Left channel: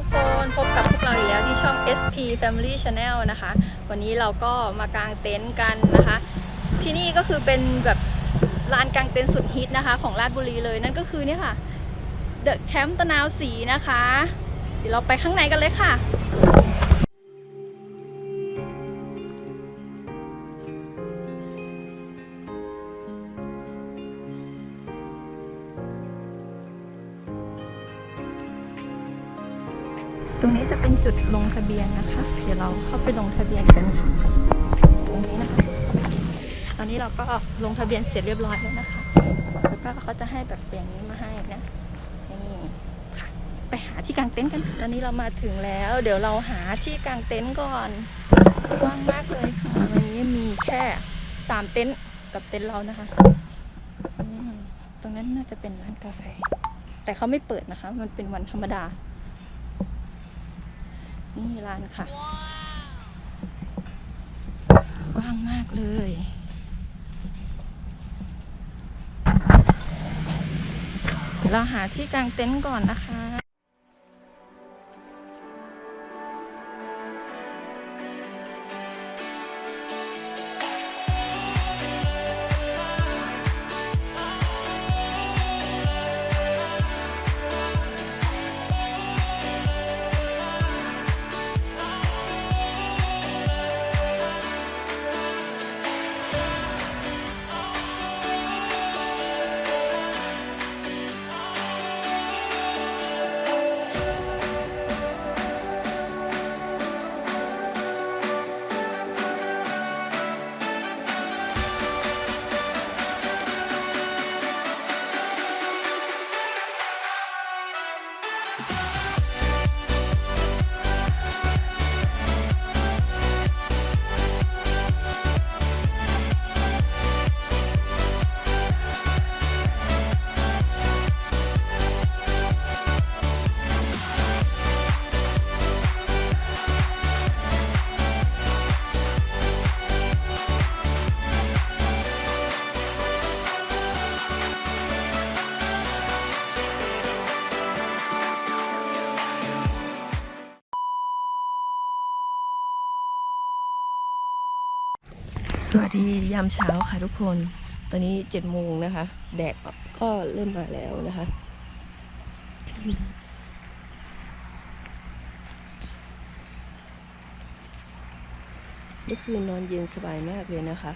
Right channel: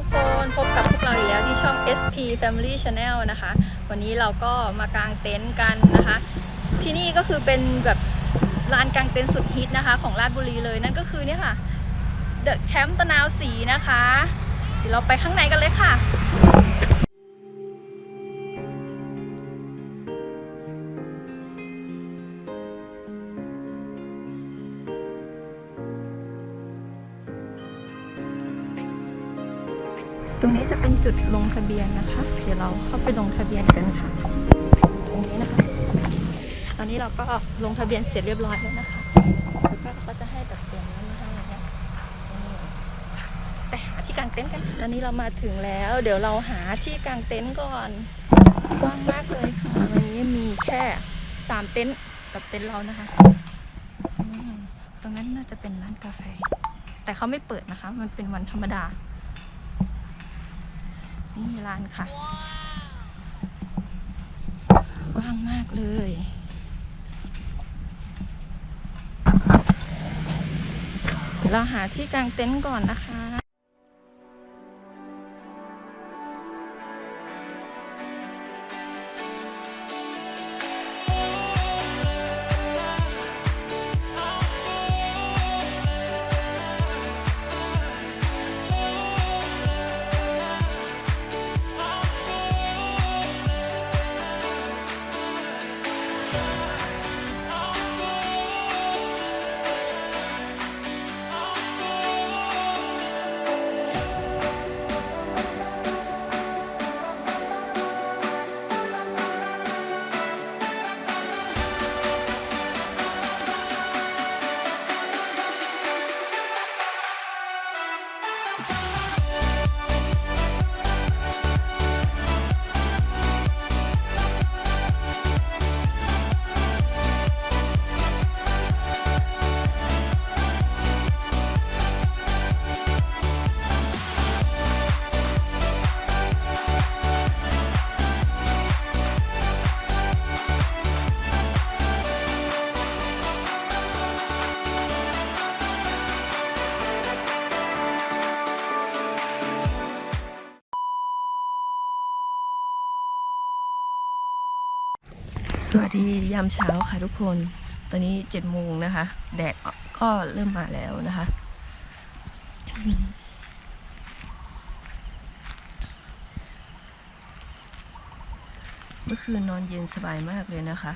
ทุกคนพบกับพวกเราอีกแล้วที่ช่อง SP Family Channel นะคะ วันนี้เราก็มากางเต็นท์กันนะคะ ที่นี่ก็คือเป็นแบบลานกางเต็นท์สุดฮิตนะคะ ของราชบุรีเลยนั่นก็คือเนี่ยค่ะ The Camp ตะนาวสีนะคะ เดี๋ยวเราไปข้างในกันเลยค่ะ ตรงนี้จะเป็นจุดลงทะเบียนนะคะ เดี๋ยวเราเข้าไปลงทะเบียนกันค่ะ ตรงนี้นะคะ ตอนนี้เราก็ลงทะเบียนเสร็จเรียบร้อยแล้วนะคะ แล้วก็เขาจะให้แบบเปลี่ยนนี้มาให้นะนี่ค่ะไปหาที่กางเต็นท์กัน ตอนนี้เรามาถึงแล้ว เดี๋ยวเราหาที่กางเต็นท์ก่อนกว้างมากเลยค่ะวันนี้มีแค่สามเต็นท์กับเต็นท์เรานะคะ ตรงนั้นน่าจะเป็นร้านกาแฟ แต่เขาไม่เปิดนะคะ มันเป็นวันธรรมดา นี่ร้านค่ะ กว้างมากเลยเดี๋ยวเราหาที่กางเต็นท์ก่อนนะคะ สวัสดียามเช้าค่ะทุกคน ตอนนี้เจ็ดโมงนะคะ แดดก็เริ่มมาแล้วนะคะ เมื่อคืนนอนเย็นสบายมากเลยนะคะ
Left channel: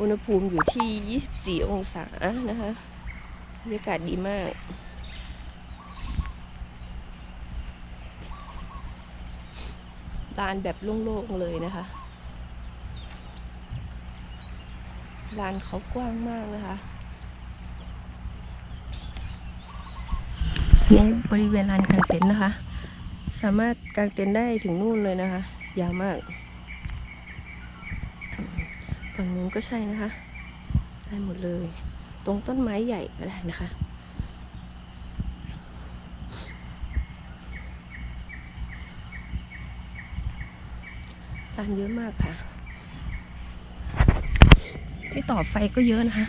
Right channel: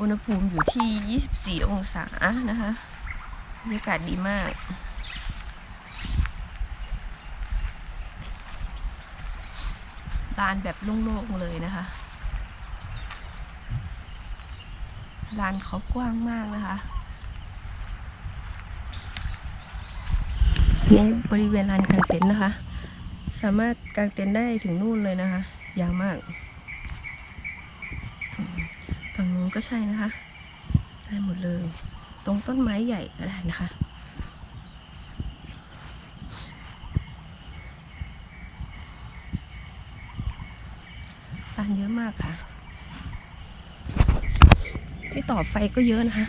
อุณหภูมิอยู่ที่ 24 องศานะคะบรรยากาศดีมากลานแบบโล่งๆเลยนะคะ ลานเขากว้างมากนะคะในบริเวณลานกางเต็นท์นะคะ สามารถกางเต็นท์ได้ถึงนู่นเลยนะคะ ยาวมาก ฝั่งนู้นก็ใช่นะคะ ได้หมดเลย ตรงต้นไม้ใหญ่ก็ได้นะคะลานเยอะมากค่ะที่ ต่อไฟก็เยอะนะคะ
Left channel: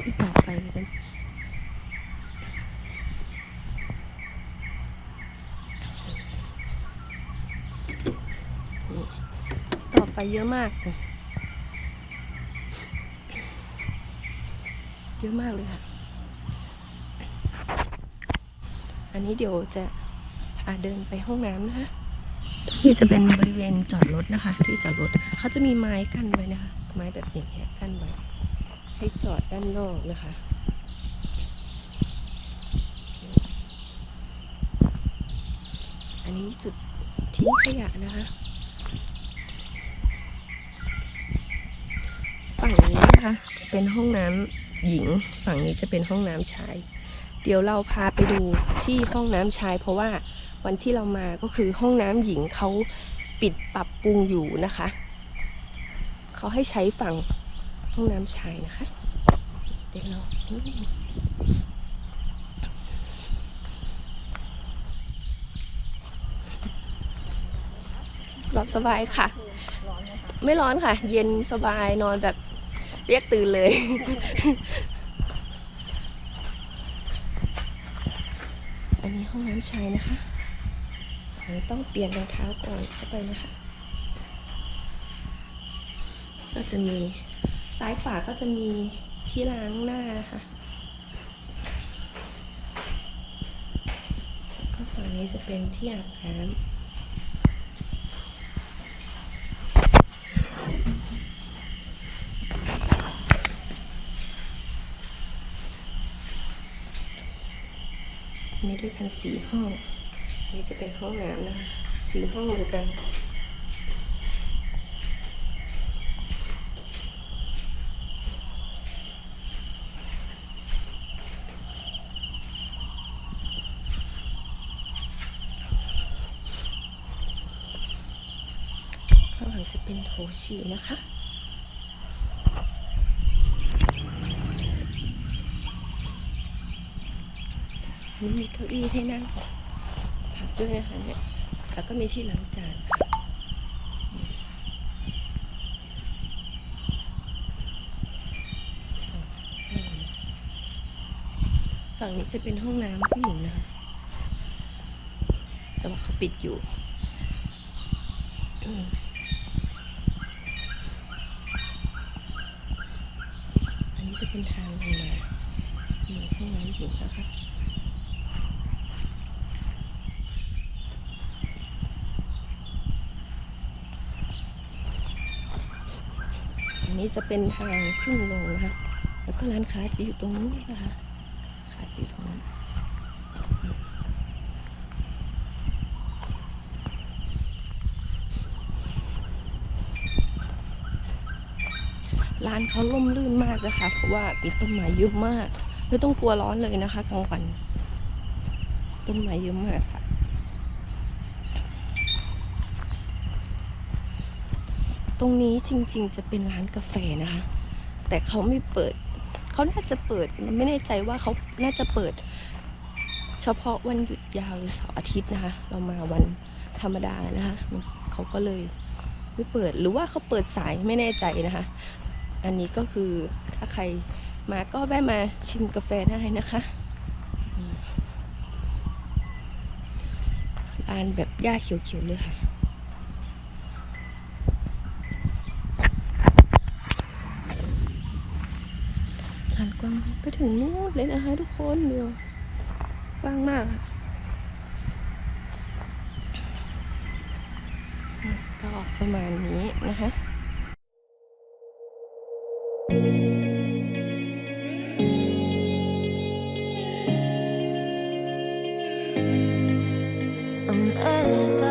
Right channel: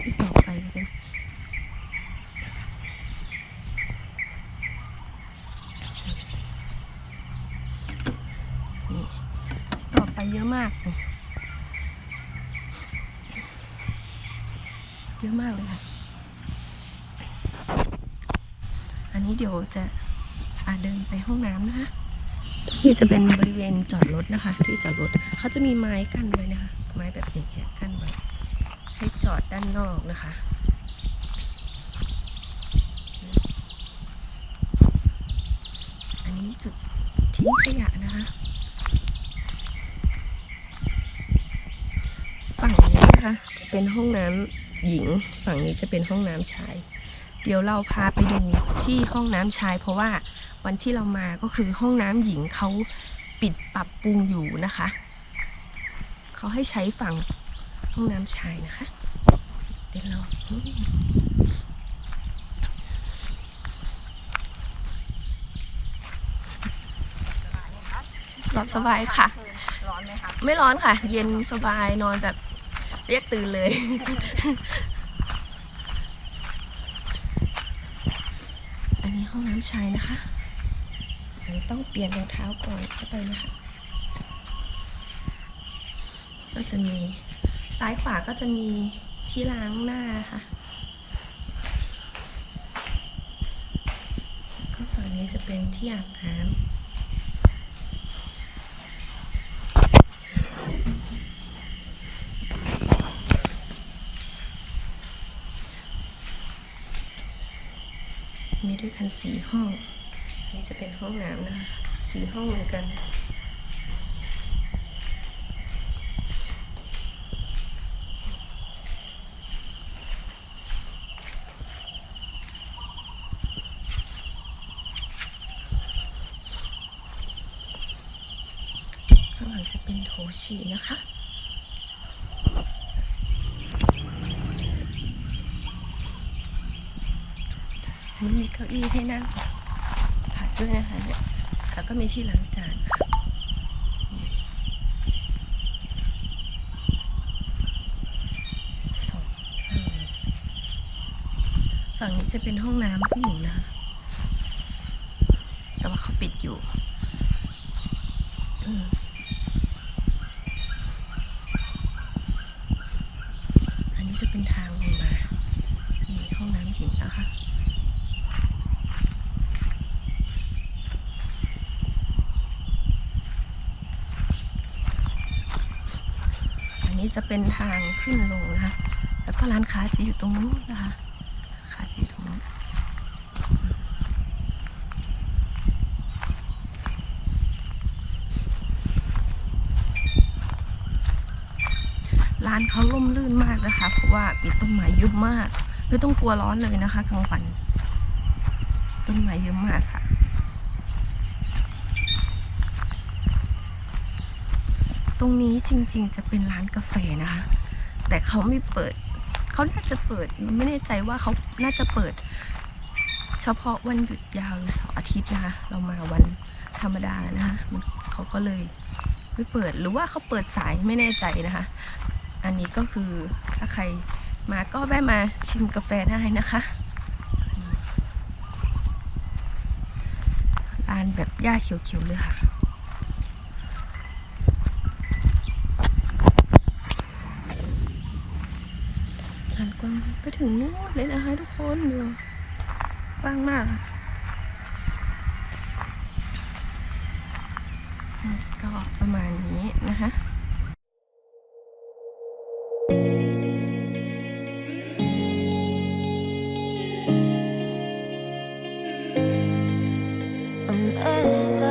ที่ต่อไฟกันนี่ต่อไฟเยอะมาก เยอะมากเลยค่ะ อันนี้เดี๋ยวจะอาเดินไปห้องน้ำนะคะ นี่จะเป็นบริเวณจอดรถนะคะ ที่จอดรถเขาจะมีไม้กั้นไว้นะคะ ไม้แบบอย่างเงี้ยกั้นไว้ ให้จอดด้านนอกนะคะอันนี้จุดทิ้งขยะนะคะ ฝั่งนี้นะคะเป็นห้องน้ำหญิง ฝั่งนี้จะเป็นห้องน้ำชาย เดี๋ยวเราพาไปดูที่ห้องน้ำชายเพราะว่า วันที่เรามาก็คือห้องน้ำหญิงเขาปิดปรับปรุงอยู่นะคะ เขาให้ใช้ฝั่งห้องน้ำชายนะคะ เดี๋ยวเราหลับสบายค่ะ ร้อนไหมคะ ไม่ร้อนค่ะ เย็นสบายนอนแบบเรียกตื่นเลย อันนี้ห้องน้ำชายนะคะ ต้องเปลี่ยนรองเท้าก่อนเข้าไปนะคะ ก็จะมีซ้ายขวาก็จะมีที่ล้างหน้าค่ะก็ฝั่งนี้จะเป็นที่อาบน้ำมีด้วยกันสี่ห้อง นนี้จะเป็นห้องน้ำนะคะสี่ห้องเหมือนกัน ข้างหลังจะเป็นโถฉี่นะคะอันมีเก้าอี้ให้นั่ง ด้วยนะคะเนี่ยแล้วก็มีที่ล้างจานค่ะสองฝั่งนี้จะเป็นห้องน้ำผู้หญิงนะคะแต่ว่าเขาปิดอยู่อันนี้จะเป็นทางลงมานี่ห้องน้ำหญิงนะคะ นี้จะเป็นทางขึ้นลงนะคะ แล้วก็ร้านค้าจะอยู่ตรงนู้นนะคะค้าจะอยู่ตรงนู้นร้านเขาล่มลื่นมากนะคะ เพราะว่ามีต้นไม้เยอะมาก ไม่ต้องกลัวร้อนเลยนะคะกลางวัน ต้นไม้เยอะมากค่ะ ตรงนี้จริงๆ จะเป็นร้านกาแฟนะคะ แต่เขาไม่เปิด เขาน่าจะเปิดไม่แน่ใจว่าเขาน่าจะเปิด เฉพาะวันหยุดยาวหรือเสาร์อาทิตย์นะคะ เรามาวันธรรมดานะคะมันเขาก็เลยไม่เปิดหรือว่าเขาเปิดสายไม่แน่ใจนะคะ อันนี้ก็คือถ้าใครมาก็แวะมาชิมกาแฟได้นะคะร้านแบบหญ้าเขียวๆเลยค่ะ ร้าน กว้าไปถึงนู่นเลยนะคะทุกคนดูกว้างมากอะอืมก็ประมาณนี้นะคะ I'm messed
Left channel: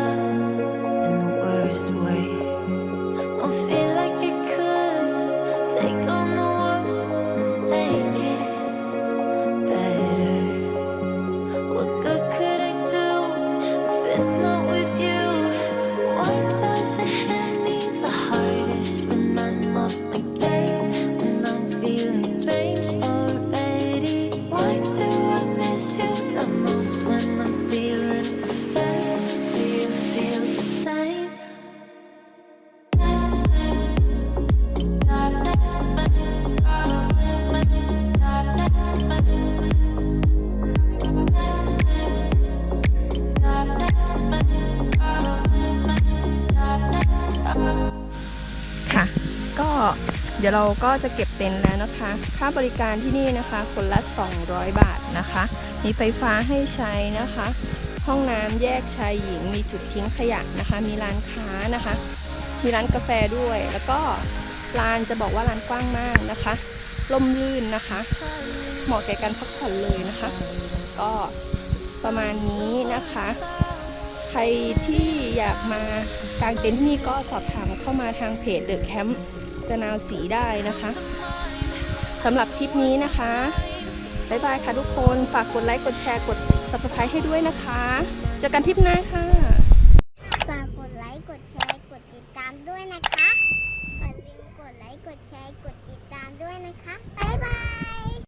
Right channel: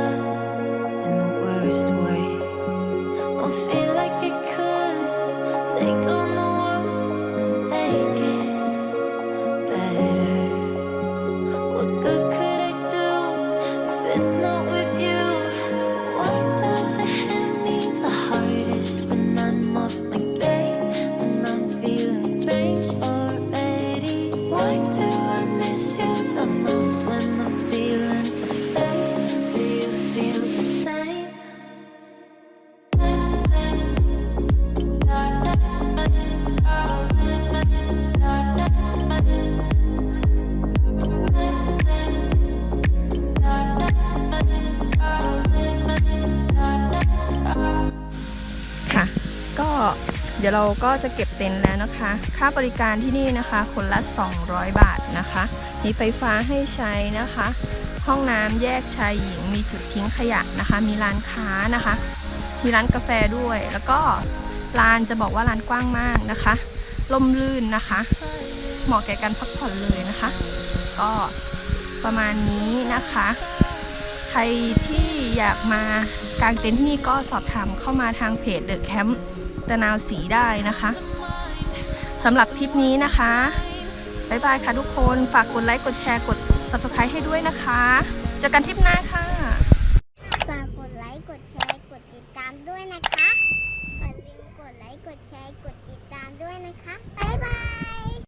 I'm off my game? When I'm feeling strange already? Why do I miss you เดี๋ยวเราก็จะเก็บเต็นท์แล้วนะคะ ค่าบริการที่นี่นะคะ คนละ 200 บาทนะคะ มีไฟฟ้าให้ใช้นะคะ ห้องน้ำแยกชายหญิง มีจุดทิ้งขยะนะคะ มีร้านค้านะคะ มีร้านกาแฟด้วย แล้วก็ลานจะบอกว่าร้านกว้างมากนะคะล่มลื่นนะคะ เหมาะแก่การพักผ่อนเลยนะคะ ก็ประมาณนี้นะคะ ใครที่อยากมากางเต็นท์ที่นี่ก็สอบถามเข้ามาทางเพจเดอะแคมป์ ตะนาวสีได้นะคะสำหรับทริปนี้นะคะบ๊ายบายค่ะทุกคน ฝากกดไลค์ กดแชร์ กด subscribe ให้ด้วยนะคะ เจอกันทริปหน้าค่ะ ฝากกดไลค์ กดแชร์ กดติดตามด้วยนะคะอย่าลืมกดไลค์ กดแชร์ กดติดตามด้วยนะคะ บ๊ายบาย